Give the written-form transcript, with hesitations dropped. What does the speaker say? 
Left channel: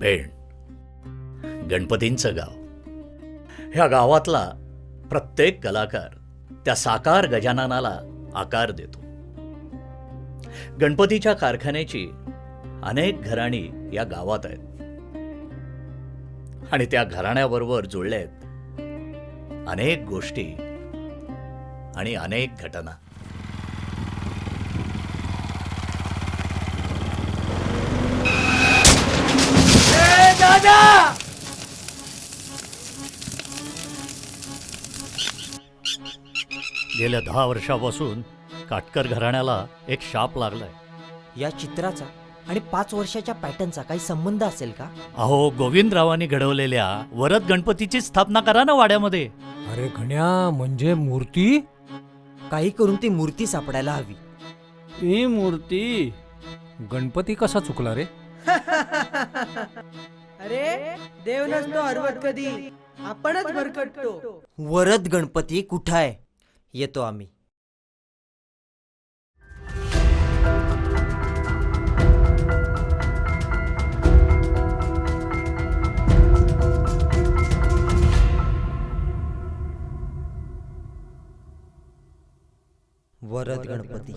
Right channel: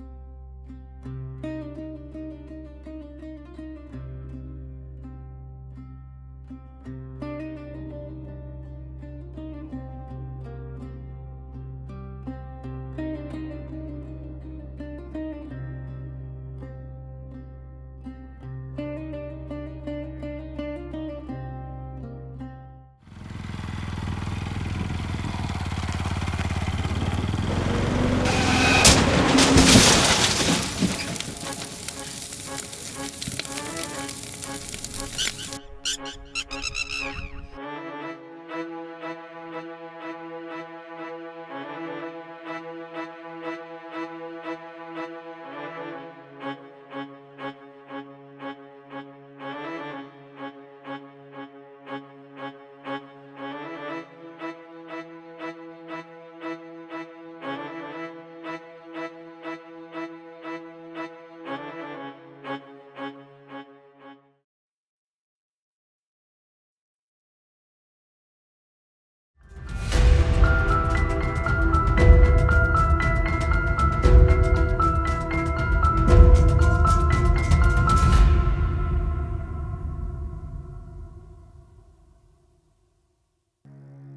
पेण, गणपतींचं गाव. ह्या गावातला प्रत्येक कलाकार त्या साकार गजाननाला आकार देतो. गणपतीच्या कारखान्याची अनेक घराणी या गावात आहेत आणि त्या घराण्याबरोबर जुळल्या आहेत अनेक गोष्टी आणि अनेक घटना. गेल्या 10 वर्षापासून काटकर घराण्याला एक शाप लागलाय. या चित्राचा आणि 5 वर्षाच्या पॅटर्नचा काही संबंध असेल का? अहो, गोविंदरावांनी घडवलेल्या वरद गणपतीची स्थापना करा ना वाड्यामध्ये. अरे घण्या, म्हणजे मूर्ती? काही करून ती मूर्ती सापडायला हवी. ही मूर्ती? गणपती कसा चुकला रे? अरे देव नसतो हरवत कधी, आपणच भरकटतो. वरद गणपती कुठं आहे? येतो आम्ही. वरद गणपती